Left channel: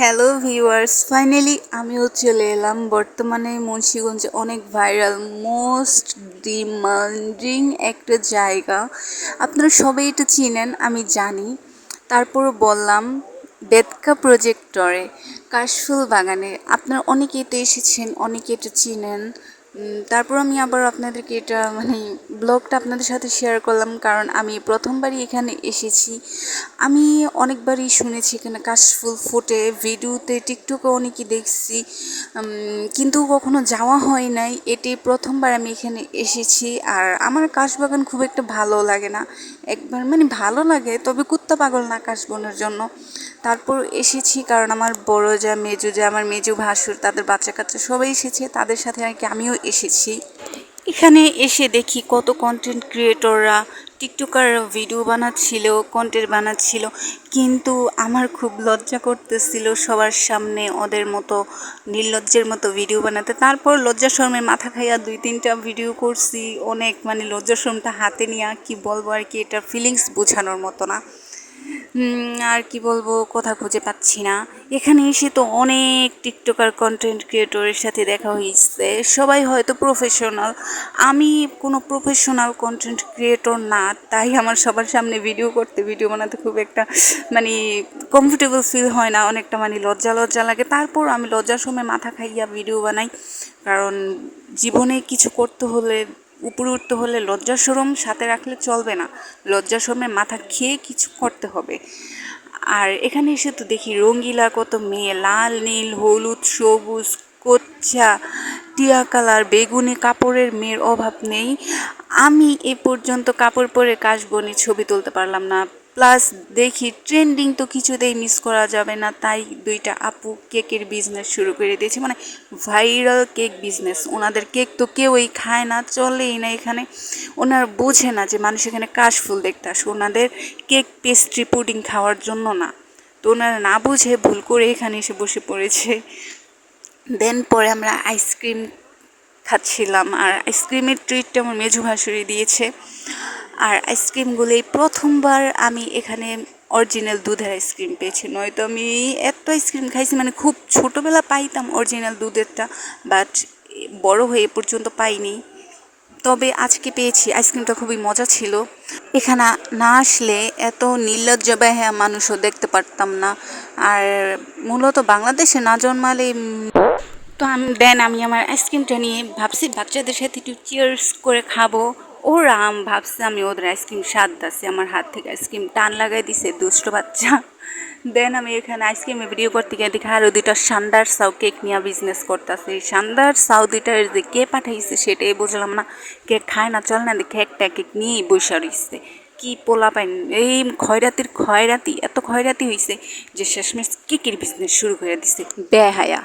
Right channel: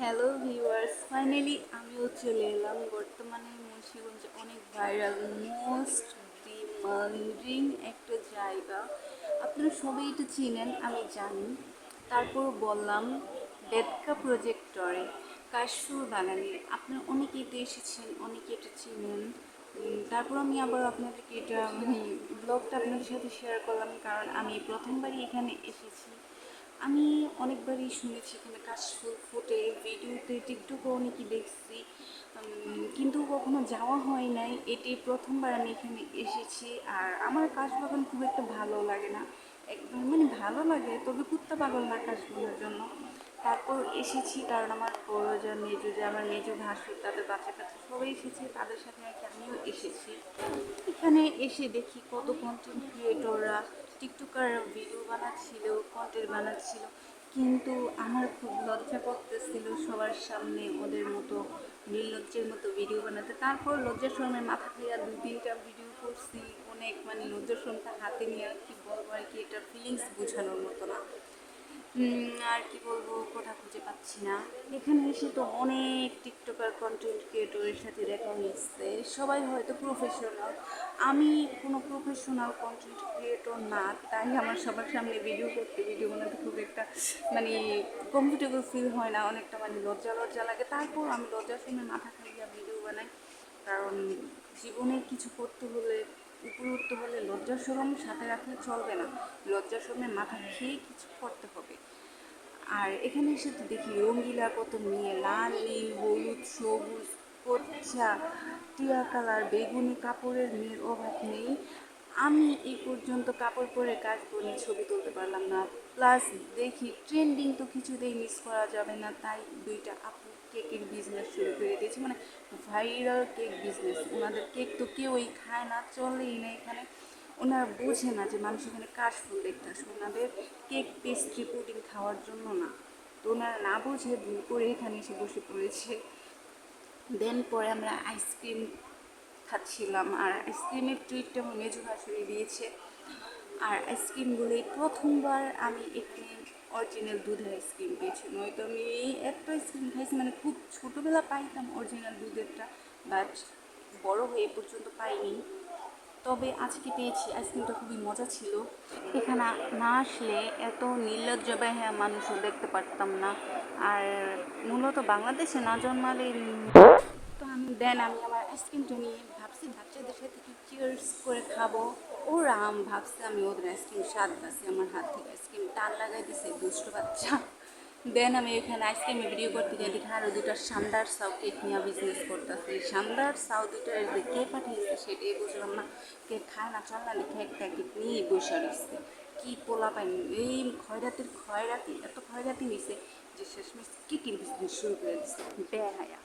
Hello viewers, finally আমিও চলে এলাম। বর্তমানে মুন্সিগঞ্জে অনেক ভাইরাল, মোস্ট ডিমান্ডিং একটা জায়গা। আপনারা সবাই এটা চিনেন, আমি জানি। তারপরও বললাম, বেদকা প্রজেক্টরে কাশফুল বাগানে আপনারা অনেকেই তো এসেছেন, অনেকে এটা চিনেন। তারপর আমি আবার আপনাদেরকে এটা ব্লগটা আপনাদের সাথে শেয়ার করলাম, কারণ আমি প্রথমবারই এখানে এসেছি। আমি অনেকবারই শুনেছি এখানে কাশফুল ফোটে, ভিডিওতে টিকটকে অনেকই দেখছি, কিন্তু কখনো যাওয়া হয় নাই। এটি প্রথমবার আমি এখানে এসেছি। আর আমার কাশবাগান খুব একটা ভালো লাগে না, একবার ভালো লাগে, তবে কুত্তা পাগল না কাশবনের জন্য। তারপর এসেছি কারণ আমার বড় যা, মেজো যা, আমার মেজো ভাসুর, তাদের বাচ্চা কাচ্চা সবাই এসেছে, তাদের সাথে আর কি আমিও এসেছি। এখানে এসে দেখি কত কন্টেন্ট ক্রিয়েটররা, টিকটকার ভিডিও বানাচ্ছিল, কন্টেন্ট বানাচ্ছিল, কিন্তু আমার খুব লজ্জা করতেছিল সবার সামনে ওদের মতো নির্লজ্জের মতো ভিডিও বানাতে। তারপর লজ্জা শরমে মাথা খাইয়া 2-3টা ভিডিও করছি। অনেক লজ্জা শরমটা হাতে নিয়ে কি বলবো আর কি, এটা ফিলিংস বোঝানোর মতো না। আর কি বলবো, কথা খুঁজে পাচ্ছি না। এখানে এসে তো অনেক টিকটকার কন্টেন্ট ক্রিয়েটরের সাথে দেখা হয়েছে, সবাই হয়তো প্রফেশনাল। আমি কোনো প্রফেশনাল কন্টেন্ট ক্রিয়েটর না, তাই আমার সবার সামনে ভিডিও করতে, ভিডিও বানাতে খুব একটা কমফোর্টেবল ফিল হয় না, অনেকটা লজ্জা লজ্জা লাগে। তারপর আমি লজ্জার সময় মাথা খাইয়া ভিডিও বানাই, কারণ জীবনে কিছু করতে হলে, উপরে উঠতে হলে লজ্জা শরম সাথে রাখলে চলবে না, লজ্জা শরমে মাথা খেয়ে কিছু করতে হবে। আর এখানে এসে তো দেখি রঙ্গিলা কত মেয়ে, লাল নীল হলুদ সবুজ কচ্ছা টিয়া কালার বেগুনি কাপড়ের মেয়ের অভাব নেই। আমি এ পর্যন্ত কাপড় পরে কাশবনি ছবি তুলতে পারলাম না। প্লাস দেখি ট্রেন্ডিং তো কিছুতেই মিস করা যাবে না, তাই 2টা আপু কেকের বিজনেস শুরু করে দিয়েছে, ভাইরাল কেক বিজনেস। ওনাদের কেক তো কেউই খায় না, চলেই না এখানে। ওনারা বোঝে না যে মানুষ এখানে কাশফুল দেখতে আসে, ওনাদের কেক পেস্ট্রি পুডিং খাওয়ার জন্য না। তো ওনারা না বুঝে ভুল করে এখানে এসে বসে পড়েছে। দেন পরে আমরা আইসক্রিম খাচ্ছিলাম, আর আইসক্রিমের ট্রিটটা আমার মেজু ভাসুরি দিয়েছে। আর আইসক্রিমগুলোই প্রথমবার আমি এখানে অরিজিনাল দুধের আইসক্রিম পেয়েছি, নয়তো আমি এত আইসক্রিম খাইছি, খুব ছোটোবেলা পাইতাম অরিজিনাল দুধেরটা, বাট বড় হয়ে এ পর্যন্ত পাইনি। তবে আজকে পেয়েছি, আইসক্রিমটা খুবই মজা ছিল। এখানে না আসলে এত নির্লজ্জ বেহায়া মানুষও দেখতে পারতাম না। আর মূলত বাংলাদেশে না জন্মালে তো আমি আমার আইসক্রিমটা নিয়ে ভাবছি বাচ্চাদের সাথে একটু চিয়ার্স করে খাবো। ওরা ভাবছে আমি ওদের আইসক্রিম স্বাদ দিচ্ছি, আমার হাত থেকে আইসক্রিম টান লাগাই দিছে দুষ্ট বাচ্চা। দেন আমি এখানে আইসক্রিমে ভিডিও করতে গিয়ে দেখি আরও 2টা শানদার সাউ কেক নিয়ে বিজনেস করতেছে। এই শানদার সাউ 2টার যে কে পাঠাইছে সেটাই বুঝলাম না। কেক খায় না, চল না দেখে একটা কেক নিয়েই বসে রইছে। কি পোলা পাইন, এই খয়রাতি এত খয়রাতি হয়েছে যে শেষমেশ কেকের বিজনেস শুরু করে দিছে বেহায়া।